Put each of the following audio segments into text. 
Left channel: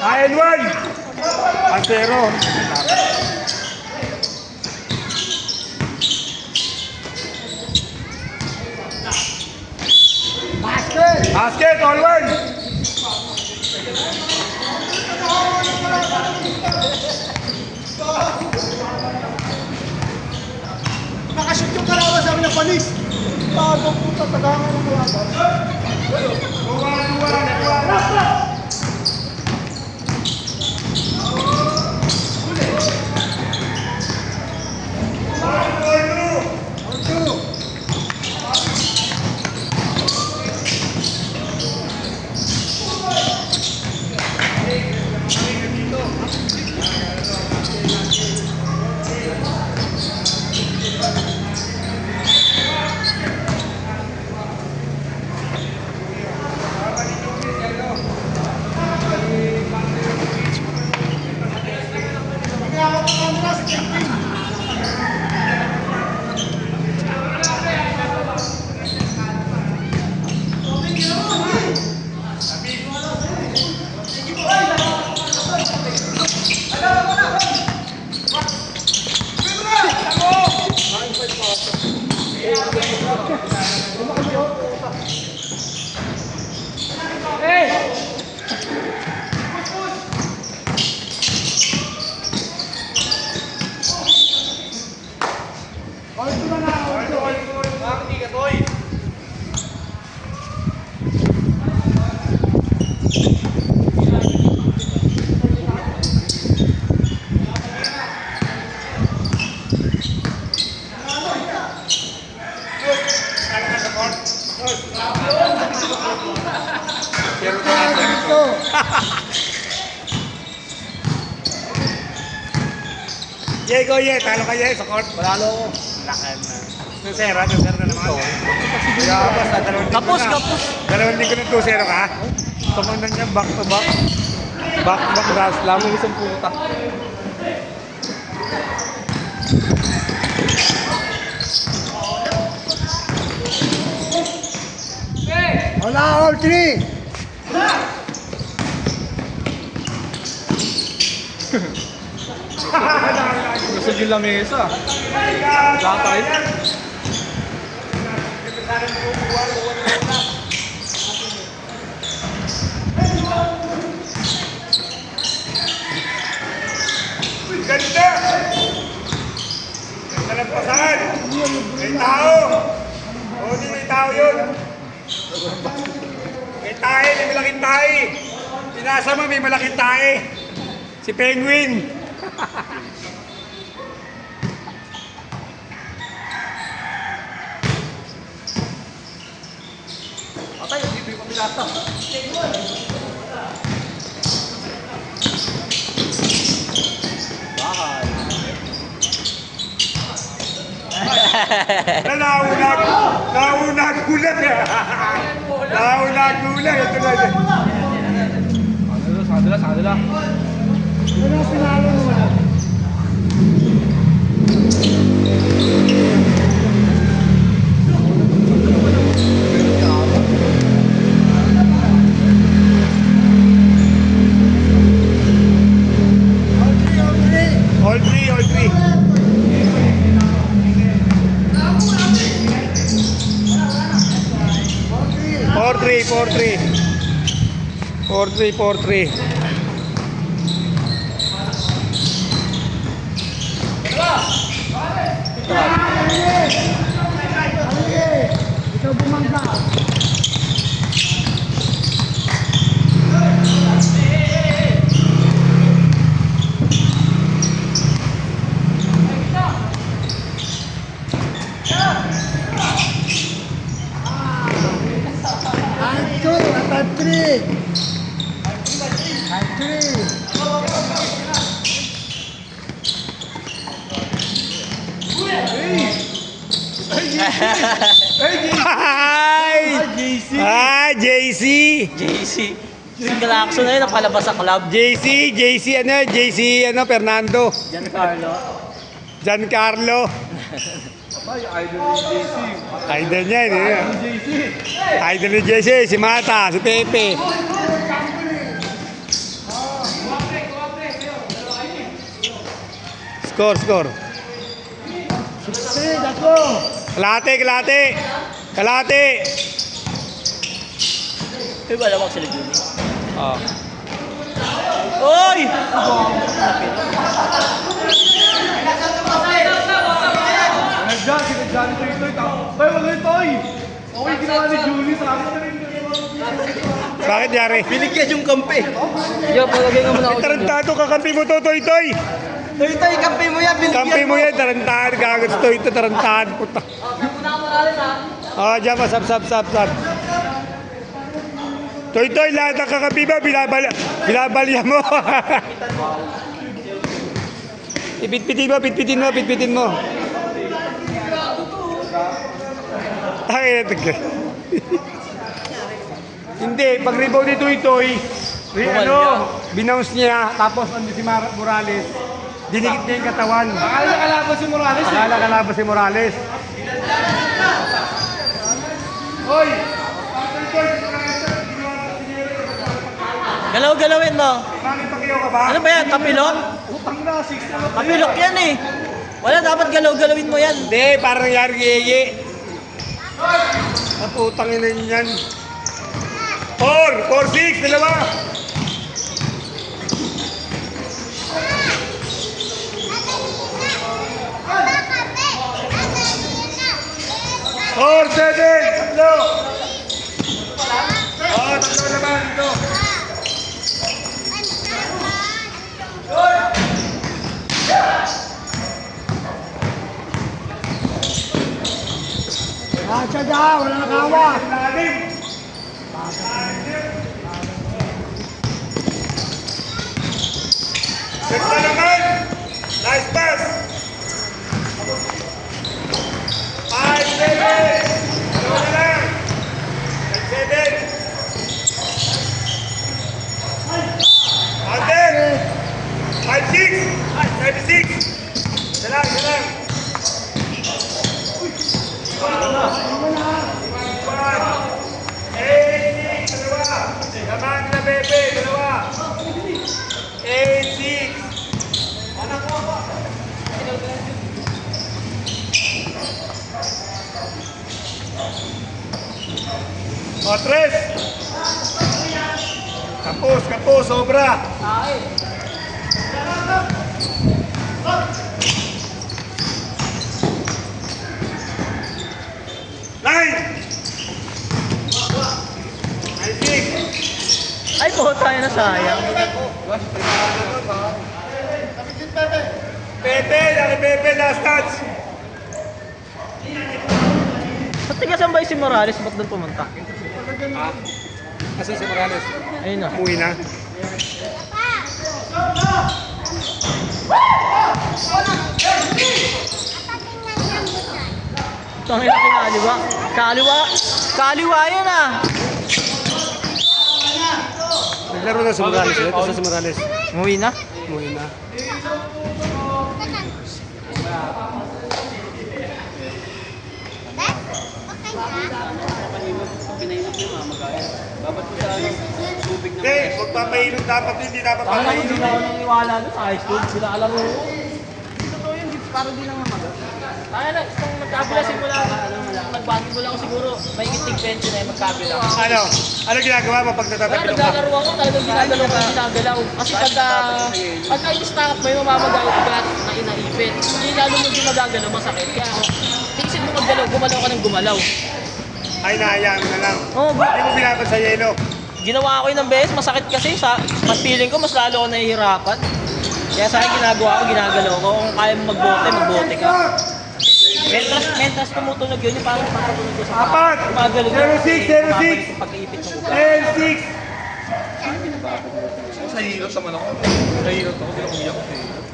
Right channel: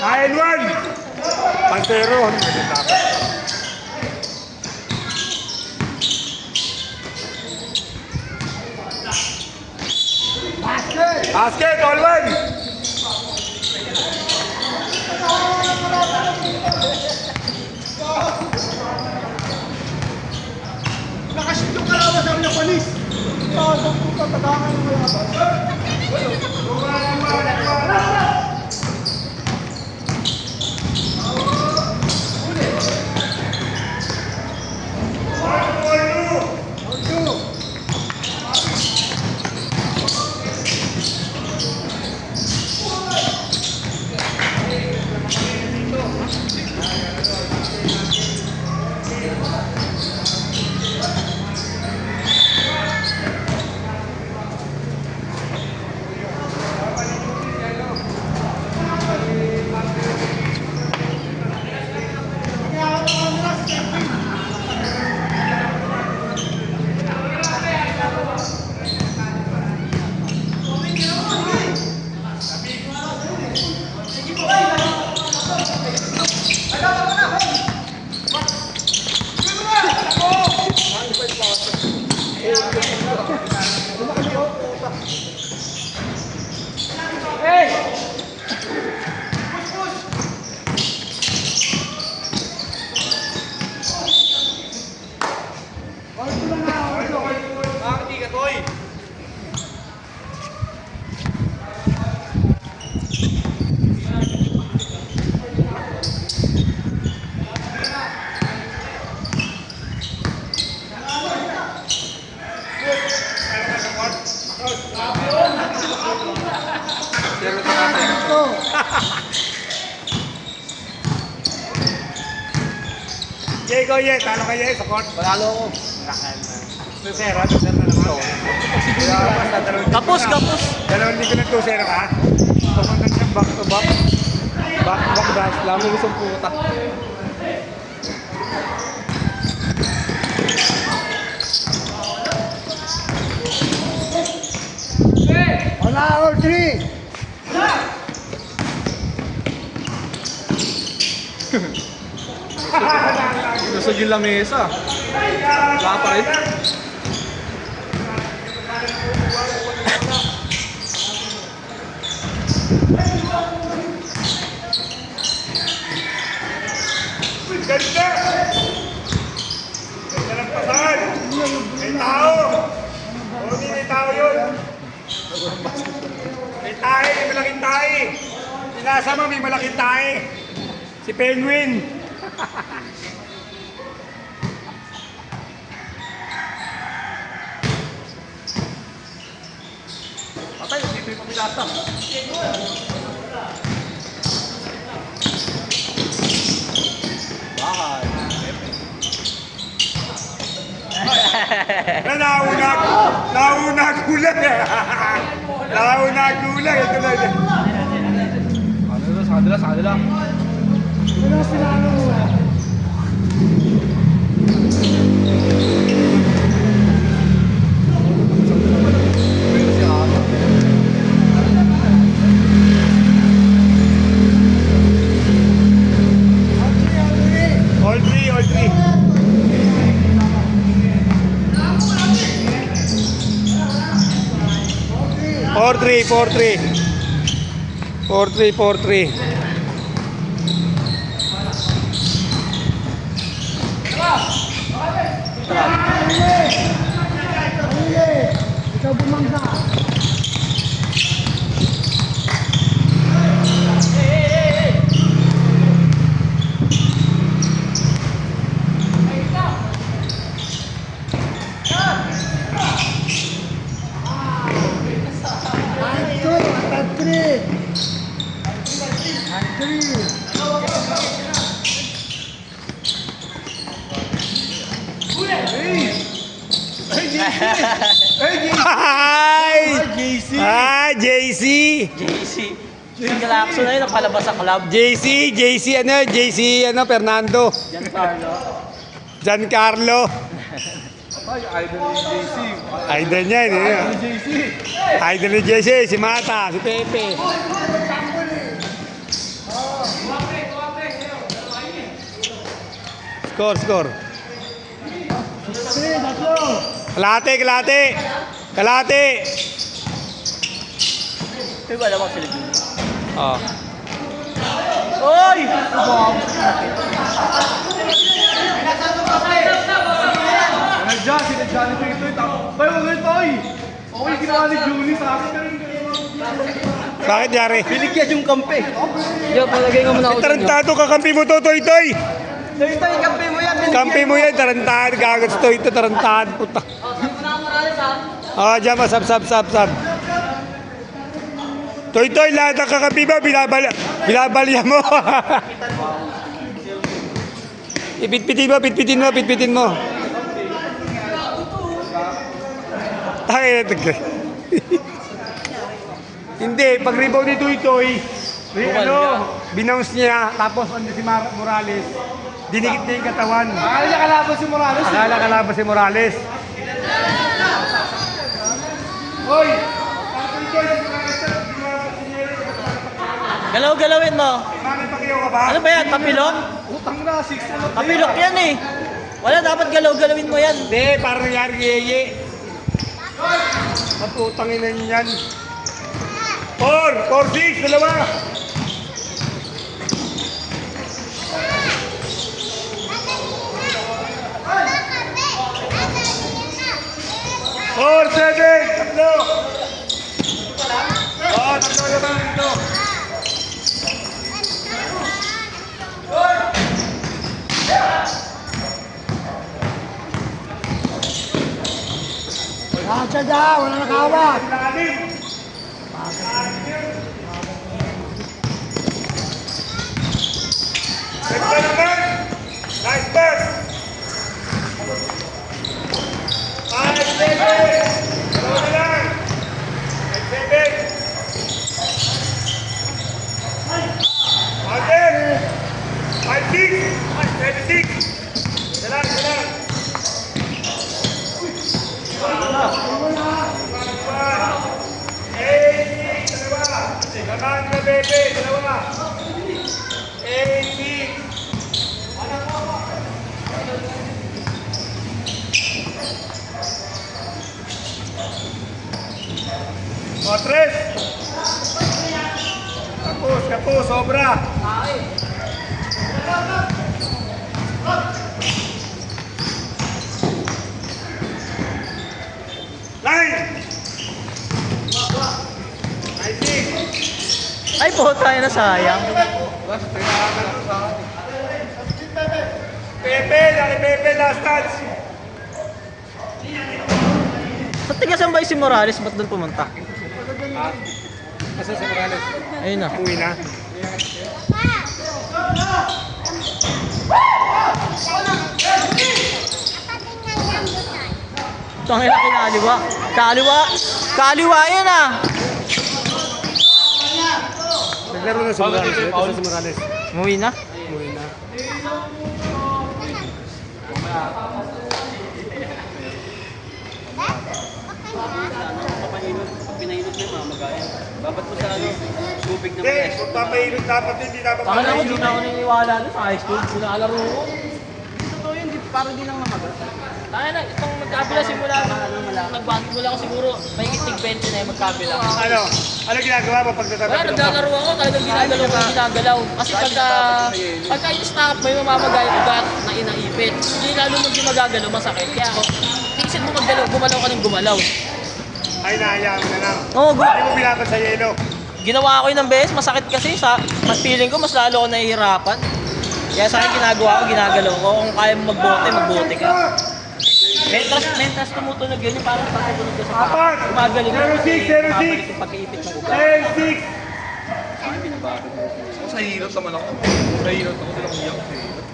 N1! Pantero. Basket! Basket, all one! Nakashoot yung kalaban sa ng panis. Tapos po patagangan ng kalaban. Jay, go, Jay. Talo ka, Jay. Sukot. Balalo ko. Lakan. Tusera na naman. Kapos. Dalawang linggo ng tusera ka? Sumundan siyang back to back. Back to back gas. Lamo isang puta. Wala, all three. Nasa yung lamesa. Batay. Ganda! Nalampasan! May tao! O, di may tao yun! May tae, may malaking tae! Sinasama, may malaking tae! Si Penguin! Patay, hindi ko nilasa. Nauna gulag eh! Nauna gulag! Ito na dyan! Sadala. All three. 4-3. Ikaw bumangga. Hi! Hi, JC! Yung galakso na yun, napalabas sa club. JC, Fernando. Giancarlo. Idol niya, hindi niya. Idol ni JC, si Mata, si Pepe. Score. Kalate. Ay, wala bang sila dun? Oh. Oy! Sinadya ni Toy. Toy, wala yung Toy. Okay, ginawa ni Jimmy sa akin. Bakit yari? Binigyan yung kampe. Yo, palagay nga muna ako. Tarantado kakampi mo to, Toy. Toy, kampe mo yan. Kampi mo yan, tarantado. Dagat Toy ito, tarantado. Puta. Ah, dyan ba, sab. Toy, lahat ng kakampi ba, binabalya mo. Pitpitin mo. Ay, hindi, pag rebound ni Toy, binounce niya, tapos ando si Morales, dinikit niya yung katawan. Nakalaban si Morales. Hoy! Galaw-galawin mo. Bakit pag-iyaw ka ba? Ano ba yan? Tapilok? Utang na, 6. Tapilok yan eh. Wala, dapat galaw-galawin mo yan. Hindi, parang nangyari yeye. Matutangin na yan. 4-6, dalawa. Four, 7, tatlo. Oh, tatlo naman ito. Wala nagawa. Ito naman. Nice pass. 5, 7. Ano na lang? 7. Ate. 5, 6. 7, 6. Isa lang. Naman na bebe, dalawa. 8, 6. O, 3. Kapos, sobra. Line. 6. Ay, puta na sayang. Pepe, last touch. Sa tigasan ba si Morales? Ba't doon pumunta? Kasi si Morales. Ayun na. Uwi na. Tangina kinaliwa. Kaliwa yan ah. Naglaro na si Morales. Ito sa si Morales. Umuwi na? Uwi na. Okay, magpapahimot dapat yun, hindi dapat Akala ko papahimot. din ako naniniwala doon sa high school. Sila alam mo. Totoo yun, parang di lang naman. Tayo na, itong magkabila simula, nagbati mo lang siguro, may itig bench na yung magkabila. Ano ginagawa mo pag Kaya natatapilok ka? naglalaro ako, talagang ginagalaw. Kasi pagka i-stop, may mamamagagat na inaipit. Hindi lalo mo di magagalaw, masakit. Kaya ako, tiisin mo gumalaw ka ng gumalaw. Ay, nahayaan na lang. Oo, Hindi mo binaban sa yelo. ginawa ko yun ng beses, masakit kasi. Mas feeling ko, mas lalo ako nahihirapan. Kaya sa akin ginagawa ko, ginagalaw ko. Kung kaya mo magbote ka. Mentras tumutunog yun, parang tatagunog ko sa paa. Apat! Gumagaling 06, 06. Gumagaling yung pagkaipit ng ugat. 6. Sa hilot naman ako. Sa hilot ako, hindi ako hilot.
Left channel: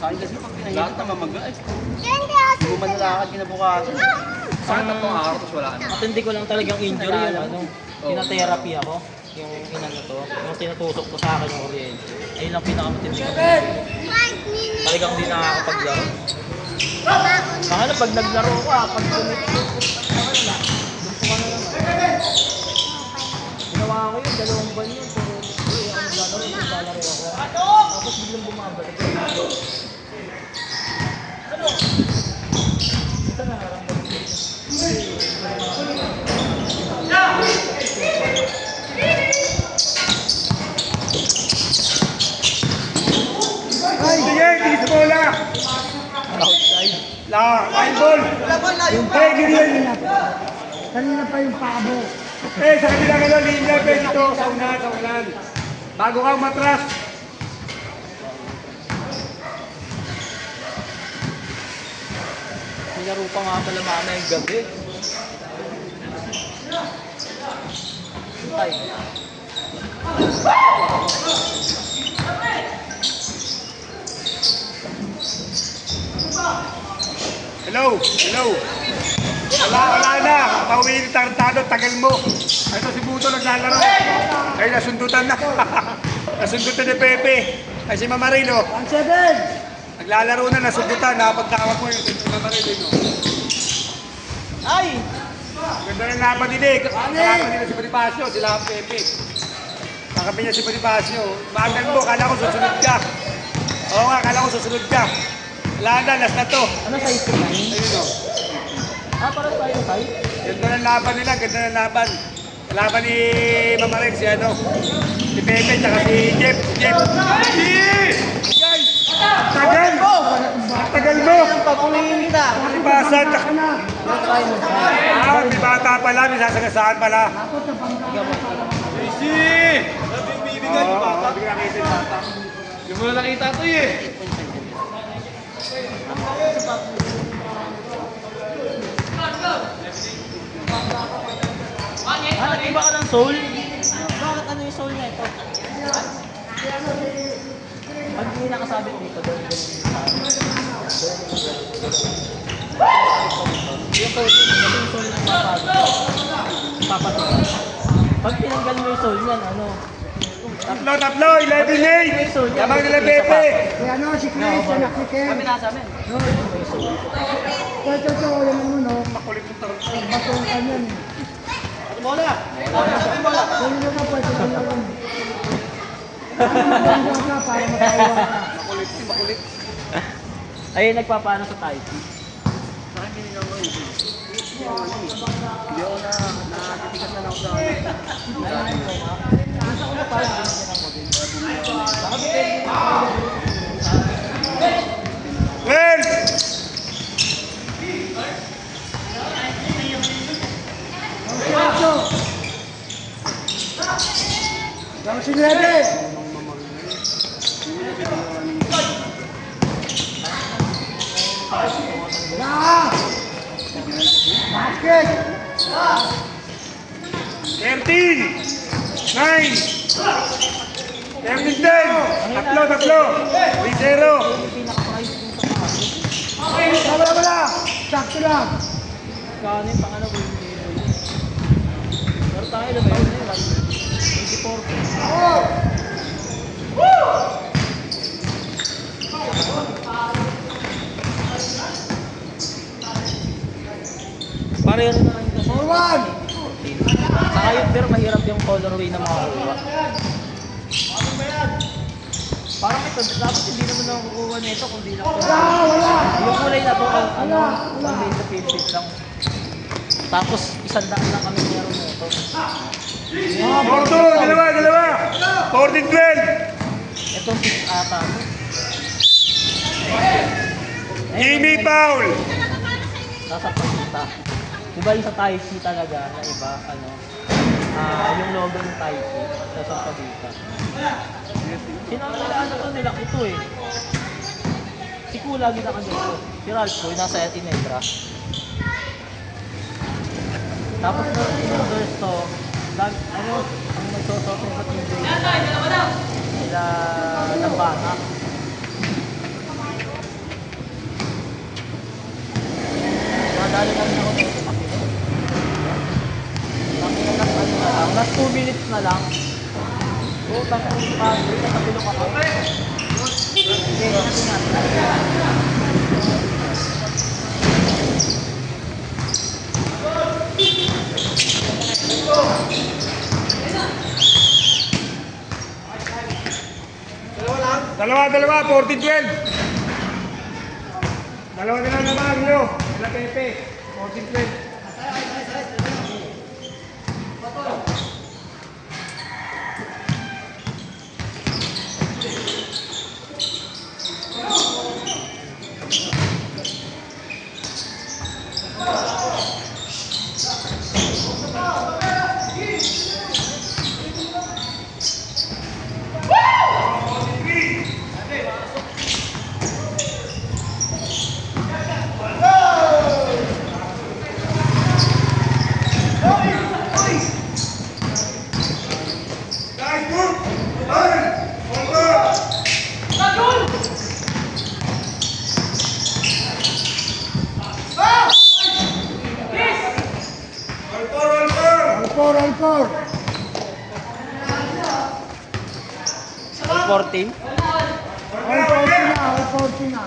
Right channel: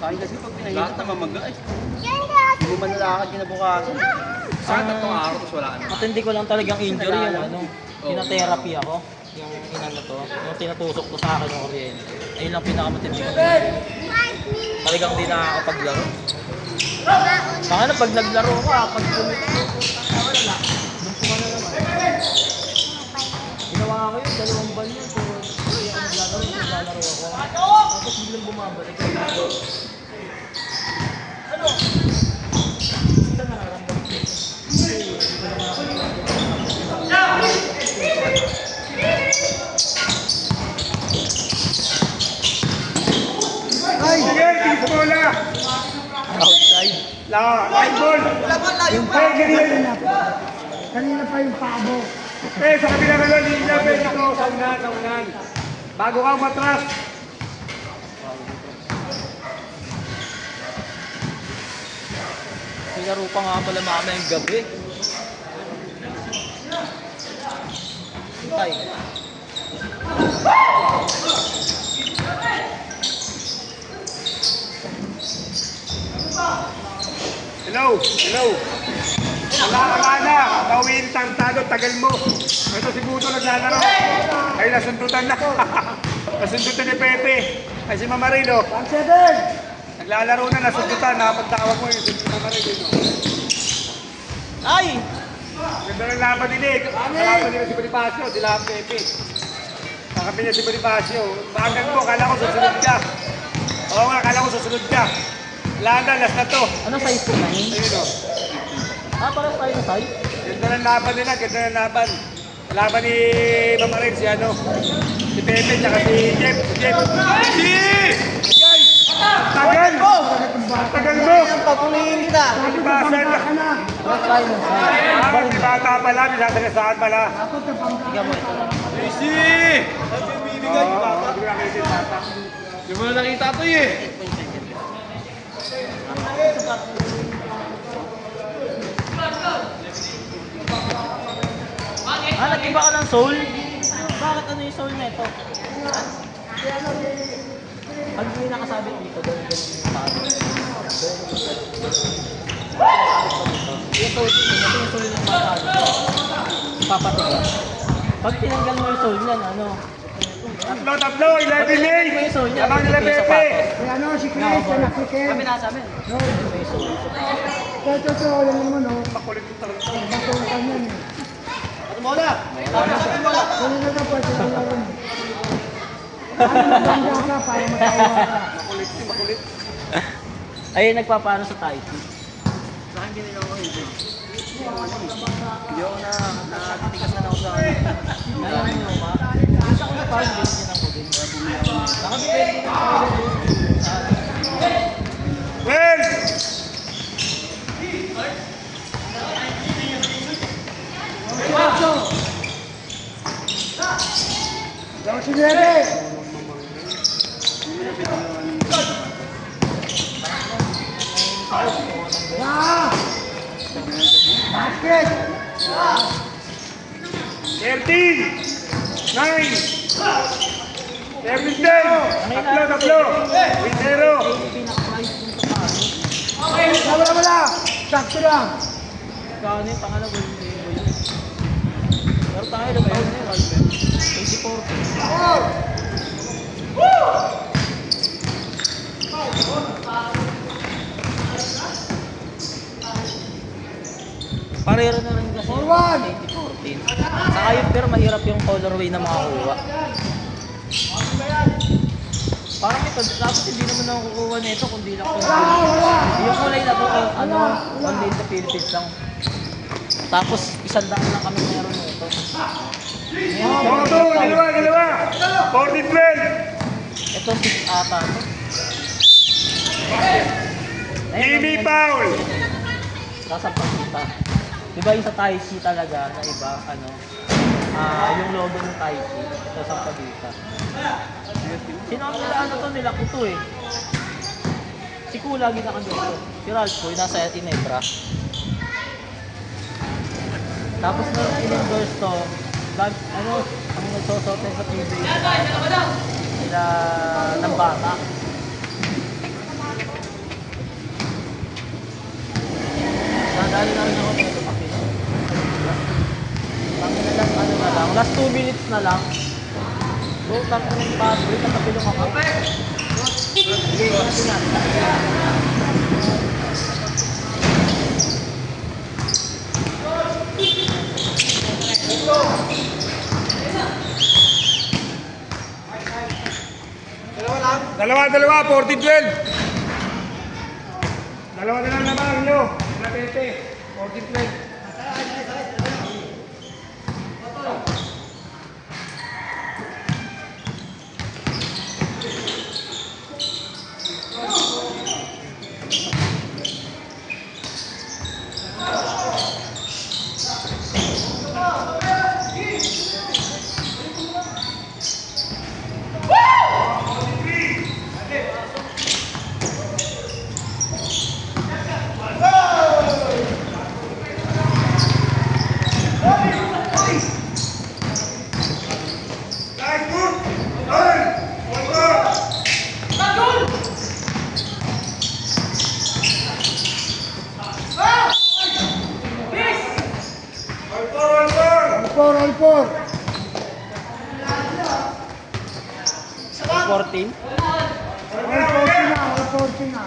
Sa akin kasi pag pinahilot na mamaga eh. Hindi mo manlalakad kinabukasan. Sa akin 3 araw, tapos wala na. Matindi ko lang talagang injury yung ano. Tina-therapy ako. Yung inano to. Yung tinatusok to sa akin yung kuryente. Ayun lang pinakamatindi ko. Talagang hindi nakakapaglaro. Baka na pag naglaro ko, pag gumit ko. Dito ka na naman. Ginawa ko yun, 2 buwan yun. Pero naglalaro ako. Tapos biglang bumabalik. Fine ball. Yung pa, kanina pa yung pabo. Eh, sa kabila ka lang, linya, pwede ito. Sa ulan. Bago ka umatras. Nilaro pa nga pala mamayang gabi. Ay. Hello. Wala na. Tawin, tarantado, tagal mo. Ito si Buto naglalaro. Ay, nasundutan na. Nasundutan ni Pepe. Ay, si Mamarino. 1-7. Naglalaro na, nasundutan. Nakapagtawag mo yung si Mamarino. Ay! Ganda ng laban din eh. Laban nila si Bonifacio, sila ang Pepe. Pagkabi niya si Bonifacio. Bakit mo, kala ko susunod ka. Oo nga, kala ko susunod ka. Wala na, last na to. Ano size ko na yun? Ayun o. Para tayo size? Ganda ng laban nila, ganda ng laban. Laban ni Mamarin, si ano, si Pepe, tsaka si Jeff. Tagal mo! Tagal mo! Papungin kita. Ibasan. Para tayo ng size. Ah, di bata pala, may sasagasaan pala. Easy! Bibigay ni bata. Hindi mo na nakita ito eh. Nag-iba ka ng soul? Bakit ano yung soul nito? Pag hindi nakasabit dito, ganun yung sabi. Yung soul dito, kasi yung soul ng papatugan. Pag tinanggal mo yung soul niyan, ano? Tatlo, 11 May! Labang nila Pepe! Si ano, si Chris, anak ni Ken. Ito, yan mo, no? Batong ka niyan. Kung na pwede ka lang. Ano maganda ka para matawa ka? Ayun, nagpapaano sa Taipei. Well! Yang si Nueve. Ya! Basket! 13! 9! 10! Tatlo! 3-0! Pinaka-price dun sa paso. Wala! Sakto lang! Kano yung pangalawa yung label. Pero tayo lang taon yung 24. Pareho rin naman kasi. Saka yun, pero mahirap yung colorway ng makuha. Parang ito, dapat hindi naman ako kukuha nito kung di lang ito. Wala! Yung kulay na to, Wala. hindi sa Philippines lang. Tapos, 100 lang kami meron nito. Porto! Dalawa! 14-12! Ito, 6 ata to. Jimmy Paul! Nasa pagkita. Diba yung sa Taipei talaga na iba, ano, yung logo ng Taipei, nasa pagkita. Sino ang nila, ano to, nila Kuto eh. Si Ku lagi na kanito. Si Ralph ko, nasa Inebra. Tapos nung in-endorse to, ano nagsosote sa TV. Sila ng bata. Last 2 minutes na lang. Wait lang kung paano. Wait lang kapilong ako. Hindi ko na Dalawa, 14-12! Dalawa na lang naman nyo. Sila Pepe. 14-12. All four. 14. All 14 na.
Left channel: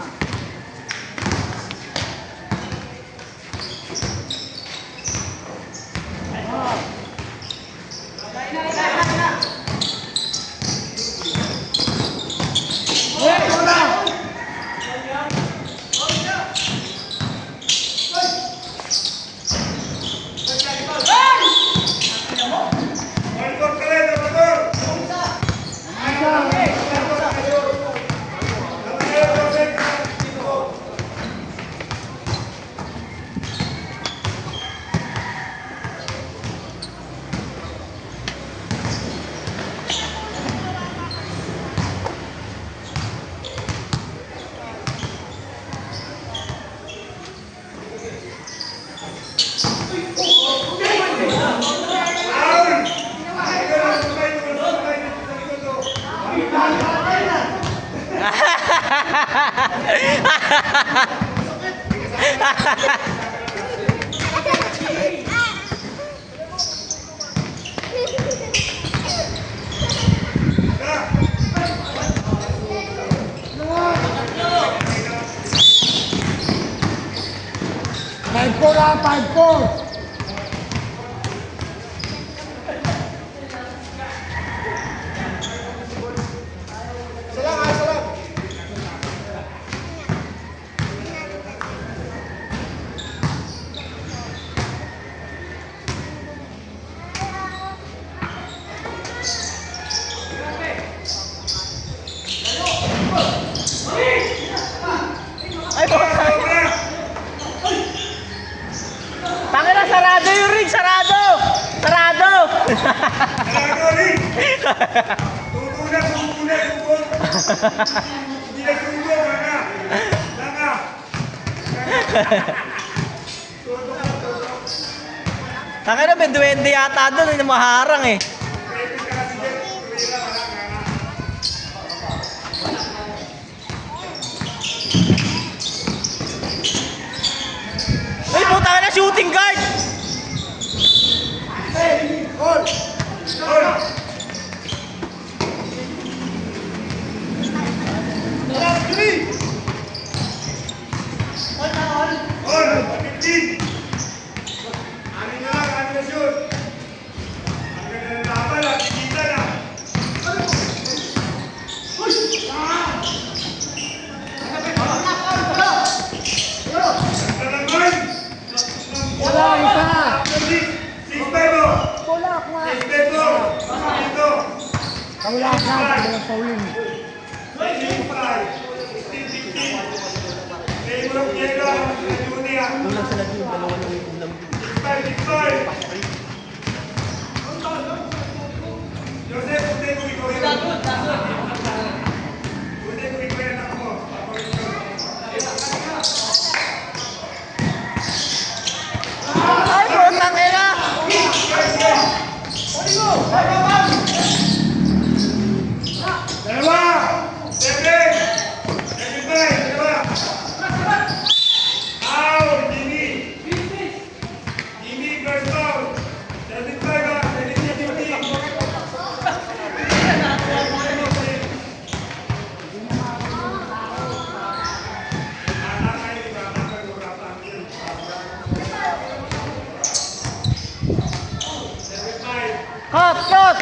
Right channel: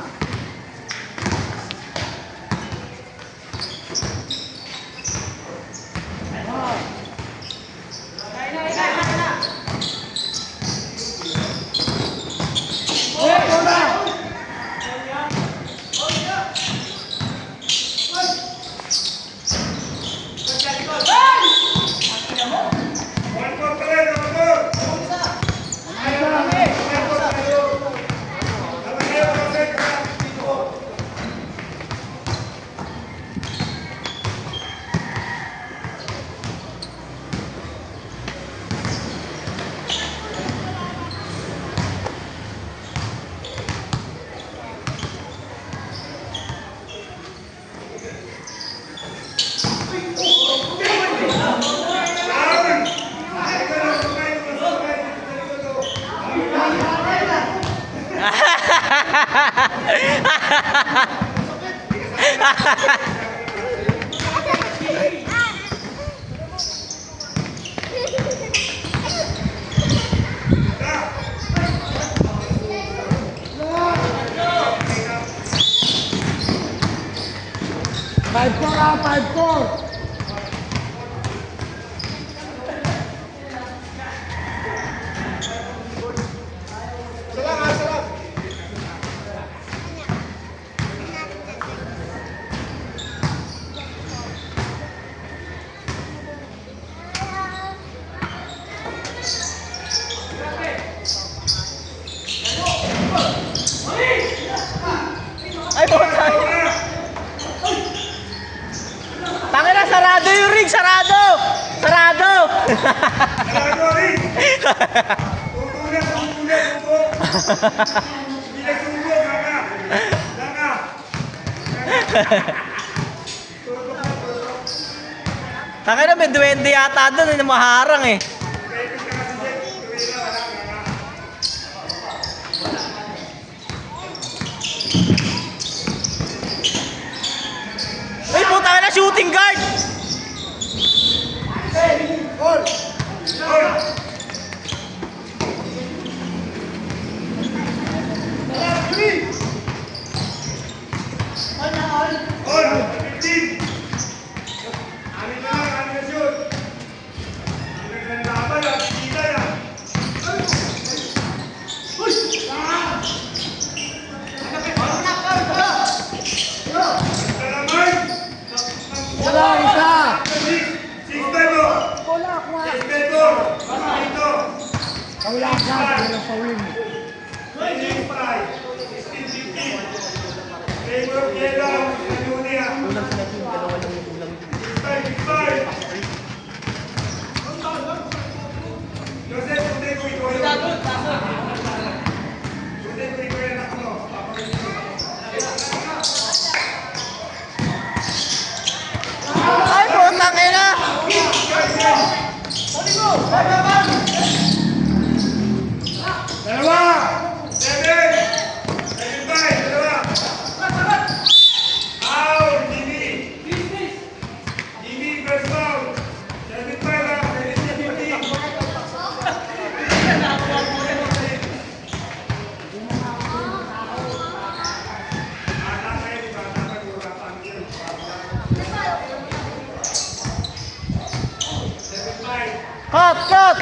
Five four. Tangina, sarado yung ring! Sarado! Sarado! Hindi nagsugo, baka. Tangina, may duwende yata doon. Yung maharang eh. Ay, puta ka na, shooting guard! Wala ka, walang fouling. Ay, puta ka na! Cut!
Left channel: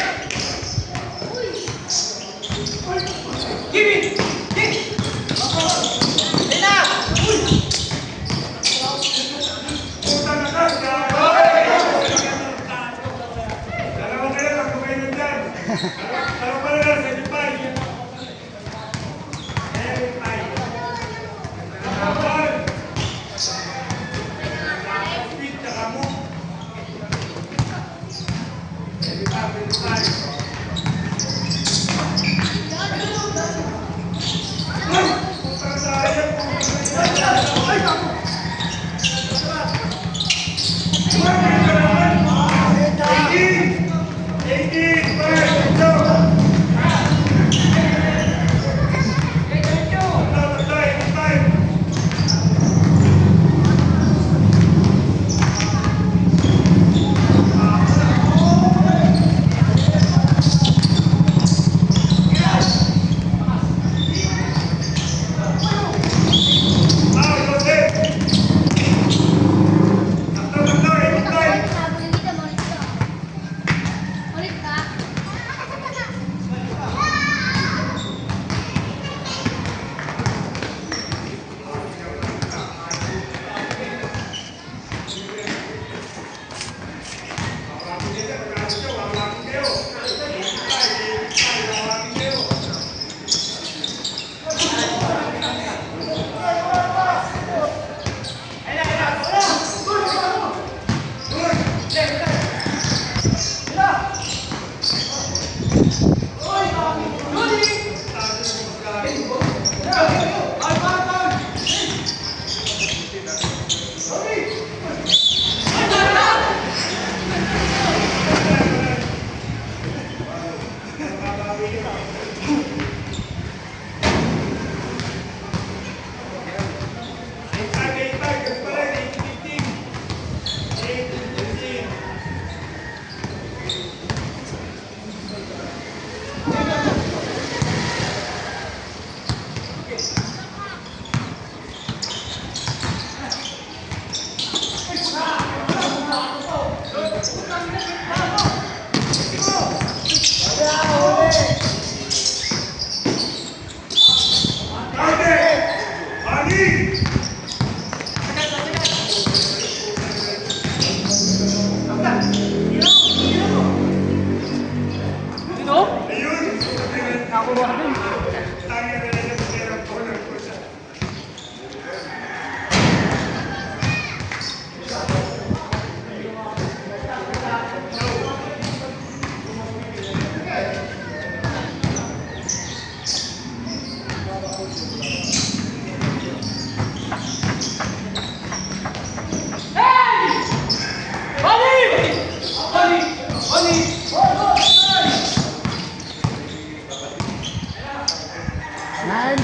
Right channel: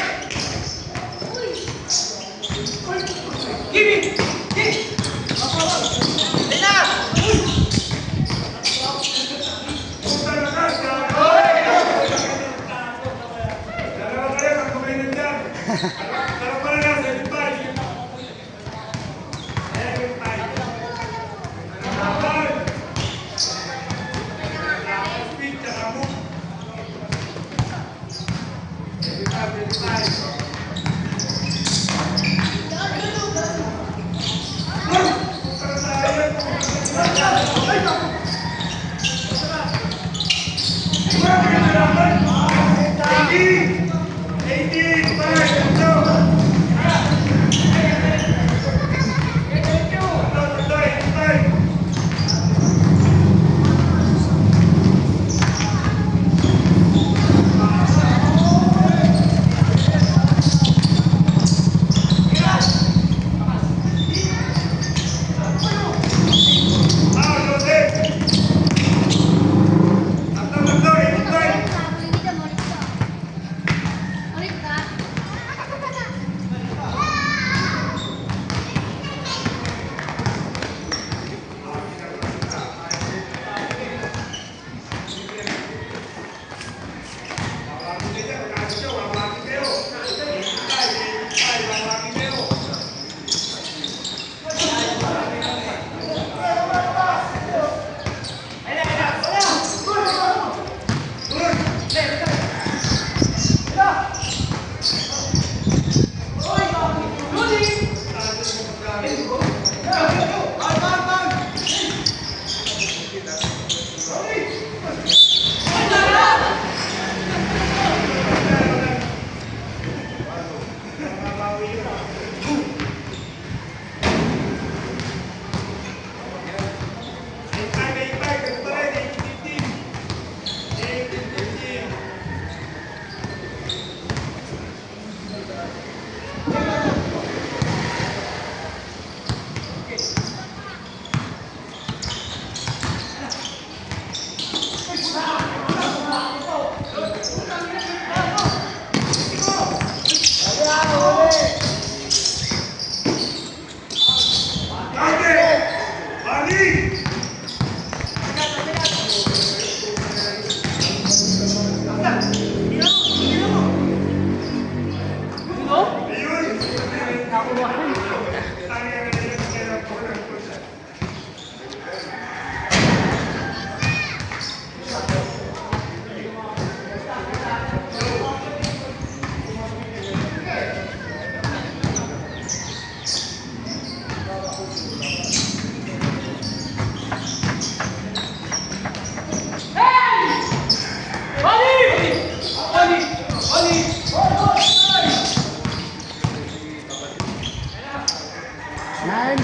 Nine,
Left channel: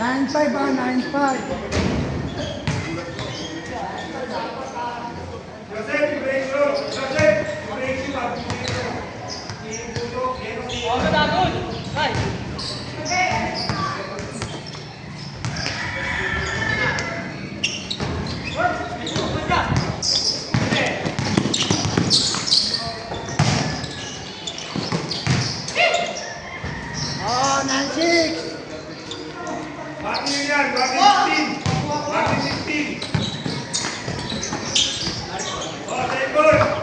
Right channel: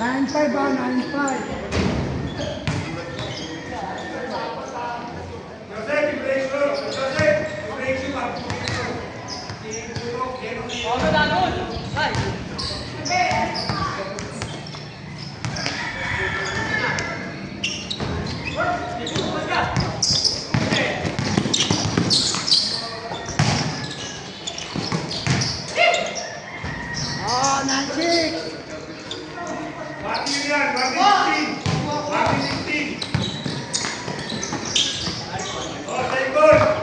9-5 ah, 9-5. Ano na doon? Ay! Oh, 9-6. Bakit yun yan? Bakit 15? Bakit 15? Oh, second!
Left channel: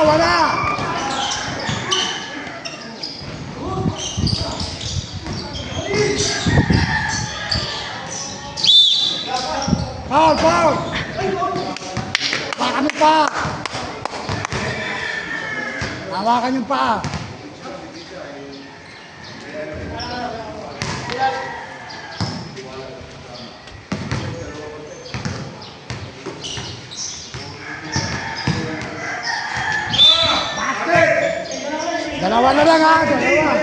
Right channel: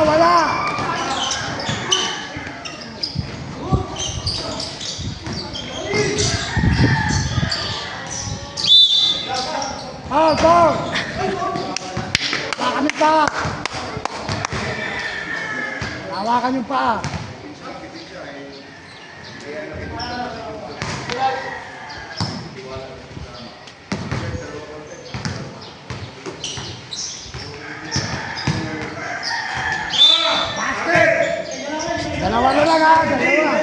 Wala! Foul, foul! Hawakan yung paa! Hawakan yung paa! Dalawa na lang ha, dalawa.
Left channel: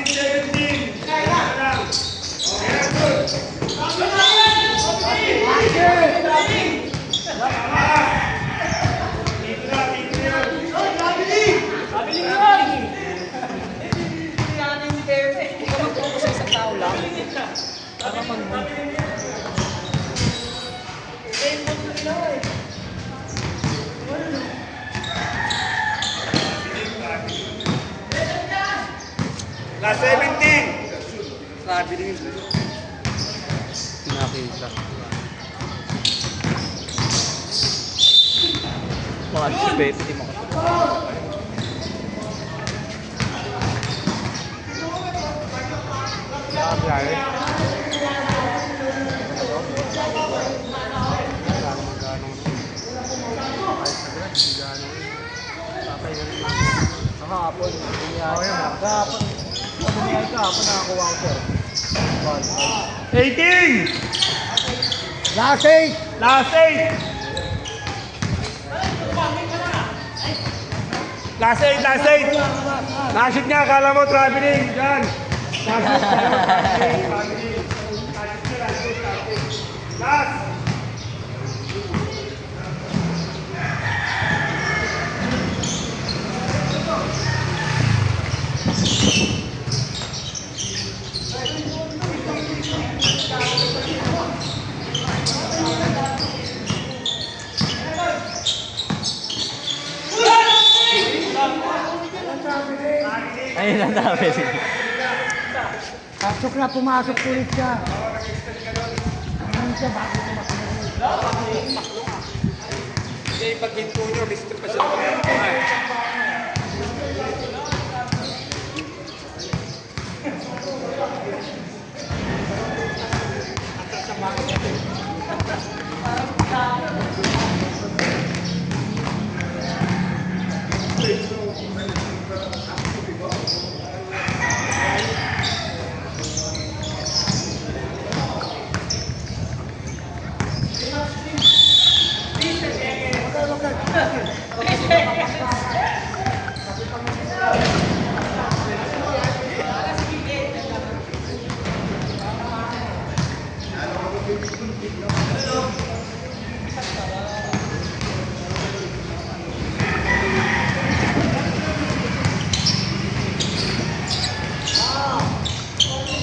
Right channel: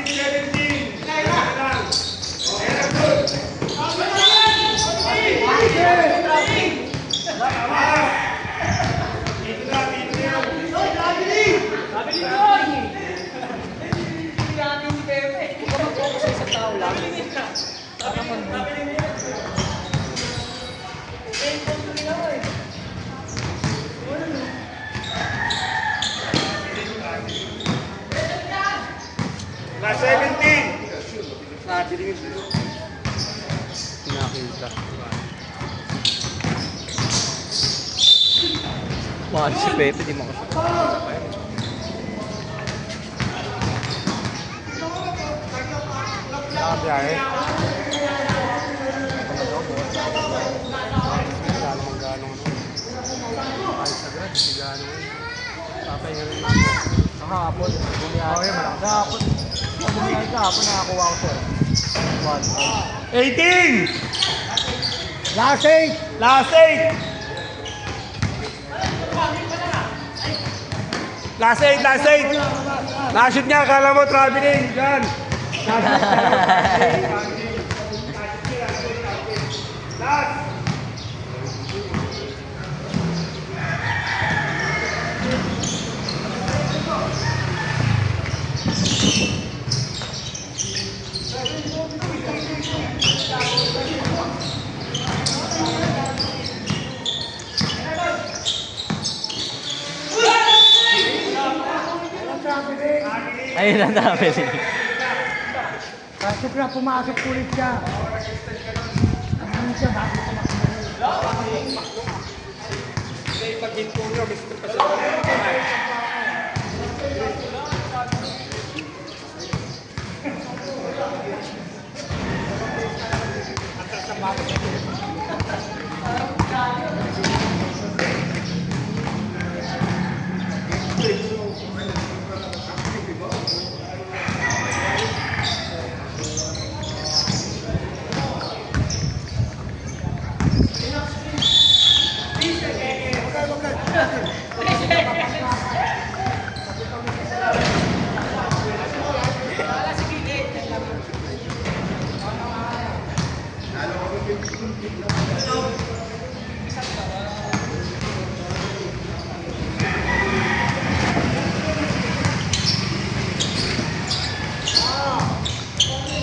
1-17. Okay, good. Mga si Pepe, di mo. Kahapon, bumiyahe. Kahapon, bumiyahe kahapon, nakakuha ko sir. 18! Last 8. Last 8! Last 8, last 8! Nashoot nga, akala mo traveling. Yan! Nashoot, akala mo traveling. Nashoot nga, nashoot, traveling. Last! Ayun ang dami. Pasok na, pumasok ulit siya. Ano siya, bakit tumakbo? Hindi, pag-hit po nyo, gusto pa siya.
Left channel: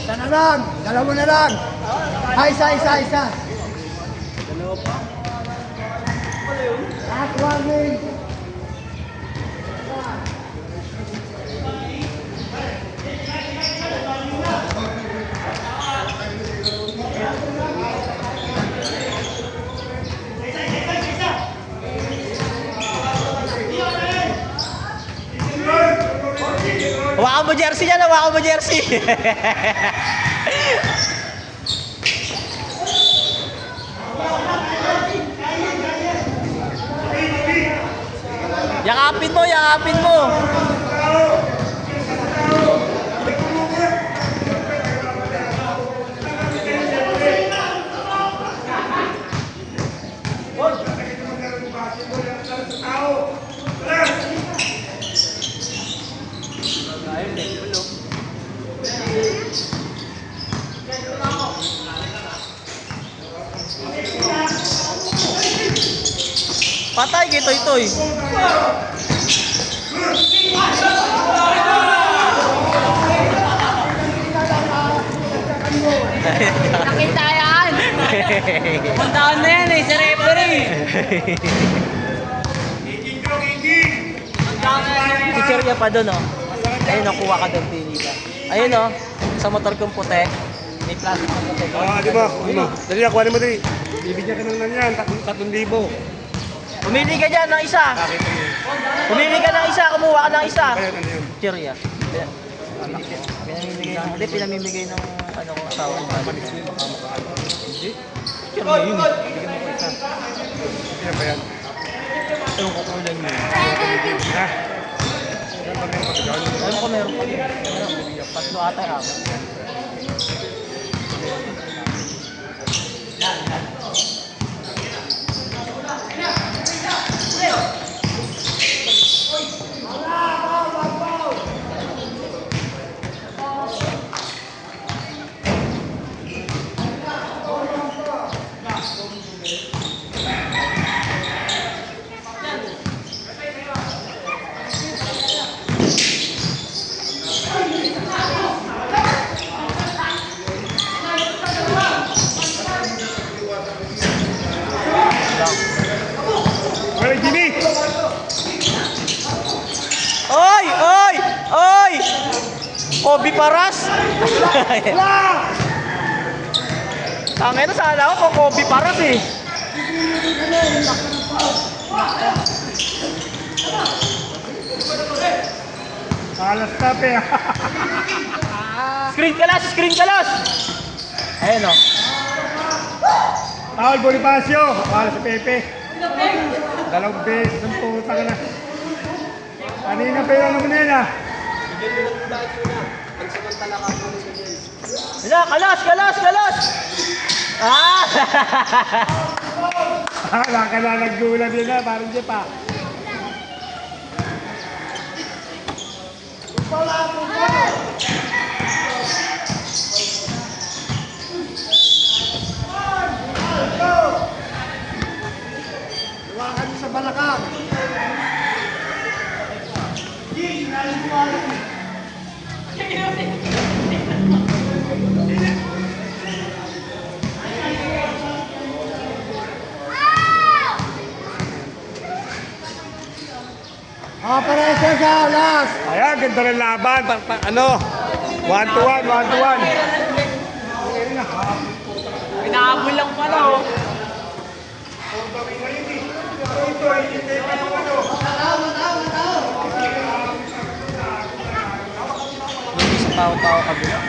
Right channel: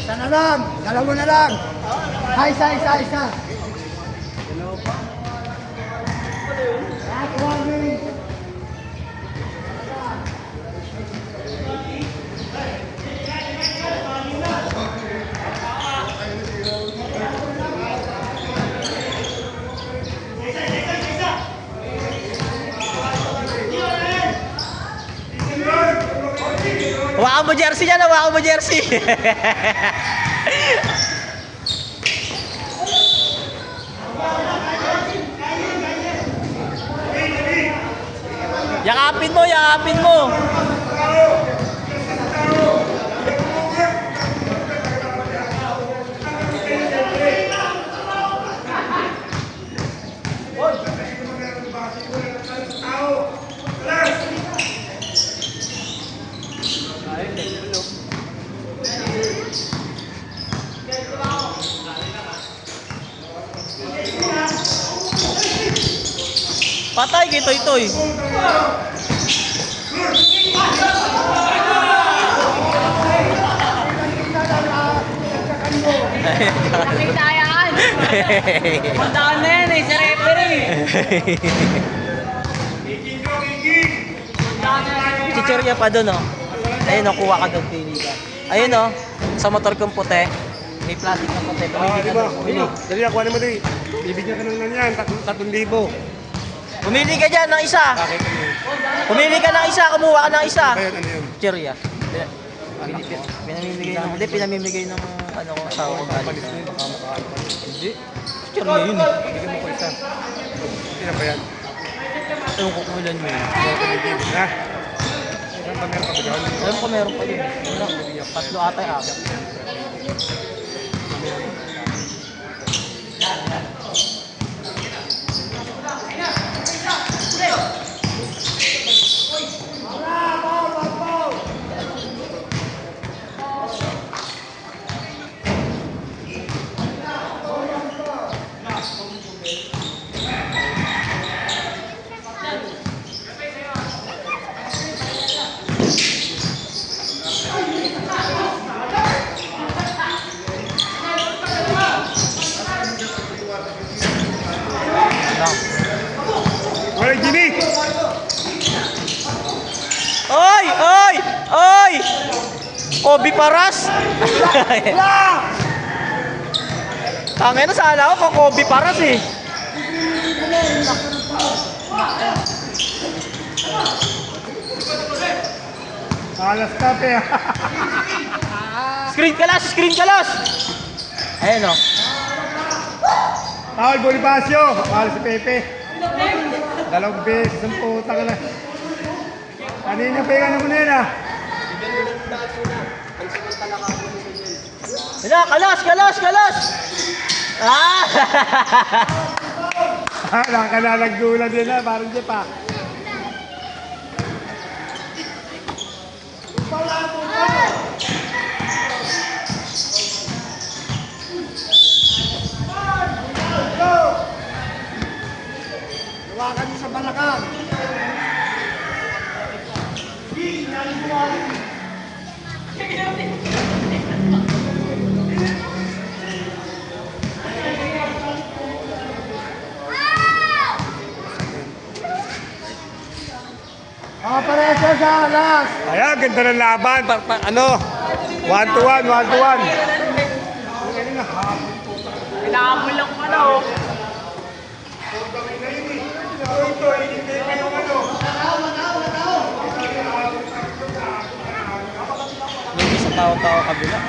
Isa na lang, dalawa na lang. Isa. Dalawa pa. Last warning. Hawakan mo jersey niya, hawakan mo jersey. Yakapin mo, yakapin mo. Patay kay Toy Toy. Nakita yan! Pumuntaan na yan eh, sa referee! Chichirya pa doon, oh. Ayun, nakuha ka doon, pili ka. Ayun, oh. Sa motor kong puti. May plastic na puti. Di ba? Dali, kuhanin mo din. Bibigyan ka naman yan, 3,000. Pumili ka dyan ng isa. Pumili ka ng isa, kumuha ka ng isa. Ayan, ano yun? Chichirya. Pinamimigay ng ano kung sa Palis na yun. Hindi. Chichirya yun, eh. Yan ba yan? Ito yung kukulan mo. Ha? Alam ko meron ko yun. Tatlo ata yung ako. Well, Jimmy! Oy! Oy! Oy! Kobe Paras! Tangin na sana ako kung Kobe Paras eh. Nakalas tape. Screen kalas! Ayan o. Foul, Bonifacio. Foul sa Pepe. Dalawang beses. Ang puta ka na. Kanina pa yung ano mo na yun ah. Kalas! Ah! Nakalalaggulan din na. Parang di pa. Luwakan niyo sa balakang. Operation sa alas. Ayan, ganda ng laban. Ano? 1-1, 1-1. Pinahamol lang pala oh. Sa tao-tao kabila.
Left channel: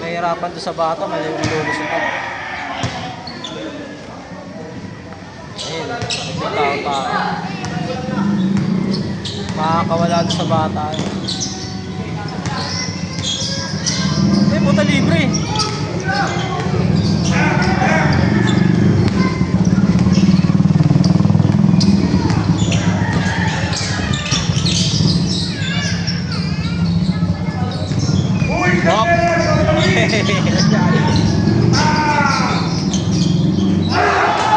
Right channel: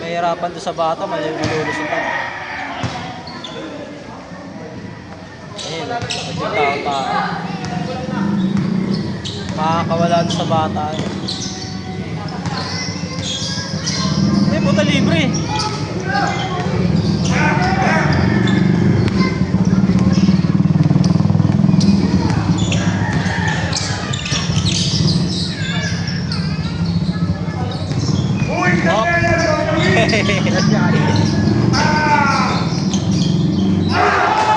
Nahihirapan doon sa bata, malulusutan. Ayun, pag tao-tao. Makakawala doon sa bata. May puta libre. Hop.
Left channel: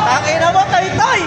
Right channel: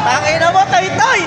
Tangina mo, tay-tay!